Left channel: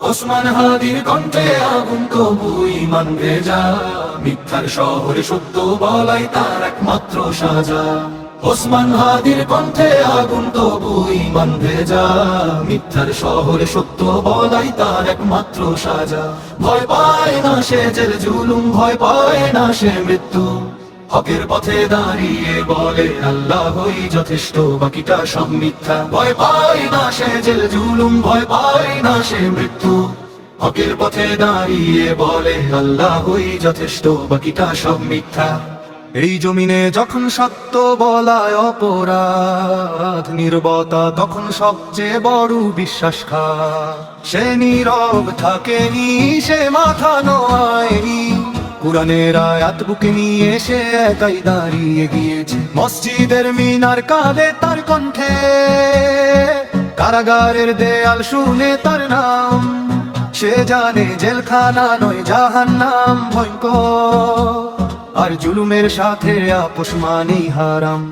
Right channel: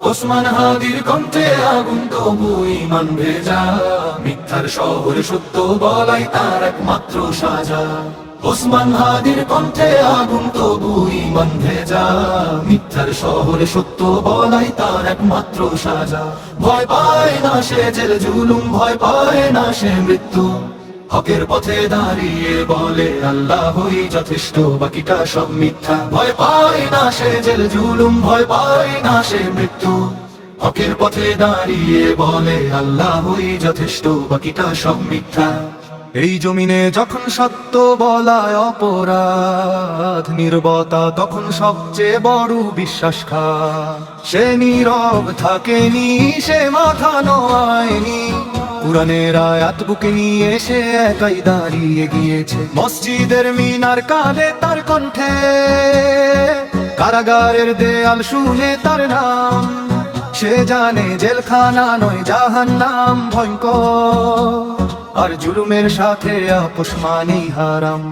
ওসমান হাদির কণ্ঠে আগুন তবু ঈমান ভেজা, মিথ্যার শহরে সত্য বলাই তার একমাত্র সাজা। ওসমান হাদির কণ্ঠে আগুন তবু ঈমান ভেজা, মিথ্যার শহরে সত্য বলাই তার একমাত্র সাজা। ভয় পায় না সে জেল জুলুম, ভয় পায় না সে মৃত্যু, হকের পথে দাঁড়িয়ে বলে আল্লাহই যথেষ্ট, বাকিটা সব মিথ্যা। ভয় পায় না সে জেল জুলুম, ভয় পায় না সে মৃত্যু, হকের পথে দাঁড়িয়ে বলে আল্লাহই যথেষ্ট, বাকিটা সব মিথ্যা। এই জমিনে যখন সত্য বলায় অপরাধ, নীরবতা তখন সবচেয়ে বড় বিশ্বাসঘাত। সে নীরব থাকেনি, সে মাথা নোয়ায়নি, কুরআনের আয়াত বুকে নিয়ে সে একাই দাঁড়িয়ে গিয়েছে। মসজিদের মিনার কালে তার কণ্ঠে, কারাগারের দেয়াল শুনে তার নাম। সে জানে জেলখানা নয় জাহান্নাম ভয়ঙ্কর, আর জুলুমের সাথে আপোষ মানেই হারাম।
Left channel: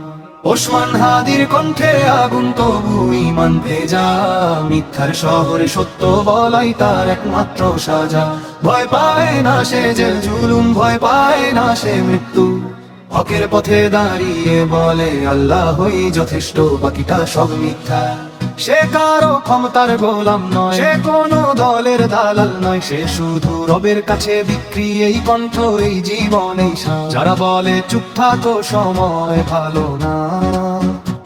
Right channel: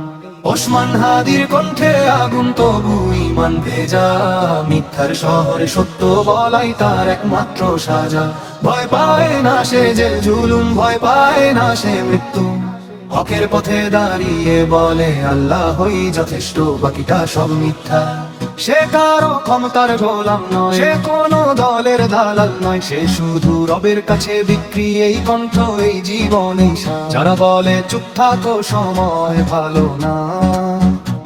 ওসমান হাদির কণ্ঠে আগুন তবু ঈমান ভেজা, মিথ্যার শহরে সত্য বলাই তার একমাত্র সাজা। ভয় পায় না সে জেল জুলুম, ভয় পায় না সে মৃত্যু, হকের পথে দাঁড়িয়ে বলে আল্লাহই যথেষ্ট, বাকিটা সব মিথ্যা। সে কারো ক্ষমতার গোলাম নয়, সে কোনো দলের দালাল নয়, সে শুধু রবের কাছে বিক্রি। এই কণ্ঠ, এই জীবন, এই সাজ। যারা বলে চুপ থাকো সময় ভালো না,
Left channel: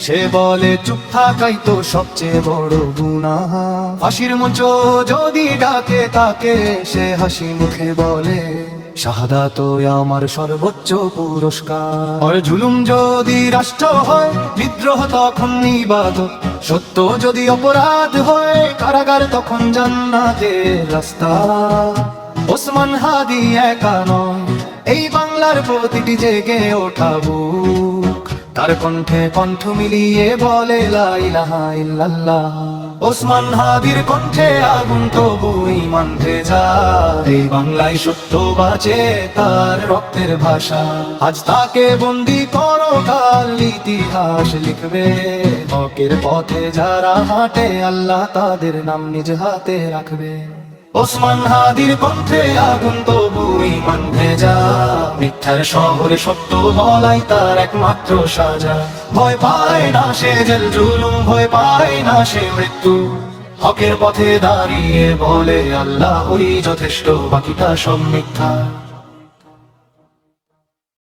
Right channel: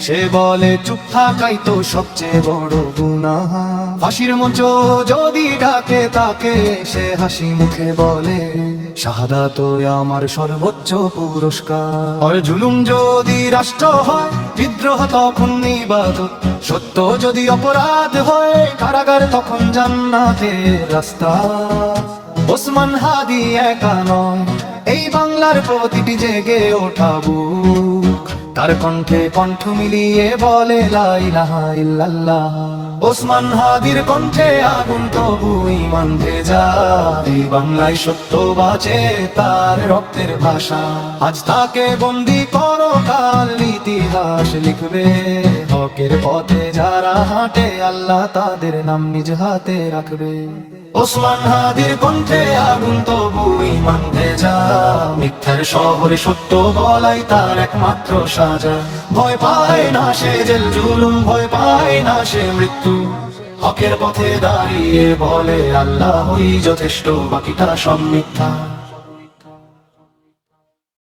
সে বলে চুপ থাকাই তো সবচেয়ে বড় গুনাহ। ফাঁসির মঞ্চ যদি ডাকে তাকে, সে হাসি মুখে বলে শাহাদাত আমার সর্বোচ্চ পুরস্কার। আর জুলুম যদি রাষ্ট্র হয়, বিদ্রোহ তখন ইবাদত। সত্য যদি অপরাধ হয়, কারাগার তখন জান্নাতের রাস্তা। ওসমান হাদি একা নয়, এই বাংলার প্রতিটি জেগে ওঠা বুক, তার কণ্ঠে কণ্ঠ মিলিয়ে বলে লা ইলাহা ইল্লাল্লাহ। ওসমান হাদির কণ্ঠে আগুন তবু ঈমান ভেজা, এই বাংলায় সত্য বাঁচে তার রক্তের ভাষা। আজ তাকে বন্দি করো, কাল ইতিহাস লিখবে। হকের পথে যারা হাঁটে, আল্লাহ তাদের নাম নিজ হাতে রাখবে। ওসমান হাদির কণ্ঠে আগুন তবু ঈমান ভেজা, মিথ্যার শহরে সত্য বলাই তার একমাত্র সাজা। ভয় পায় না সে জেল জুলুম, ভয় পায় না সে মৃত্যু, হকের পথে দাঁড়িয়ে বলে আল্লাহই যথেষ্ট, বাকিটা সব মিথ্যা।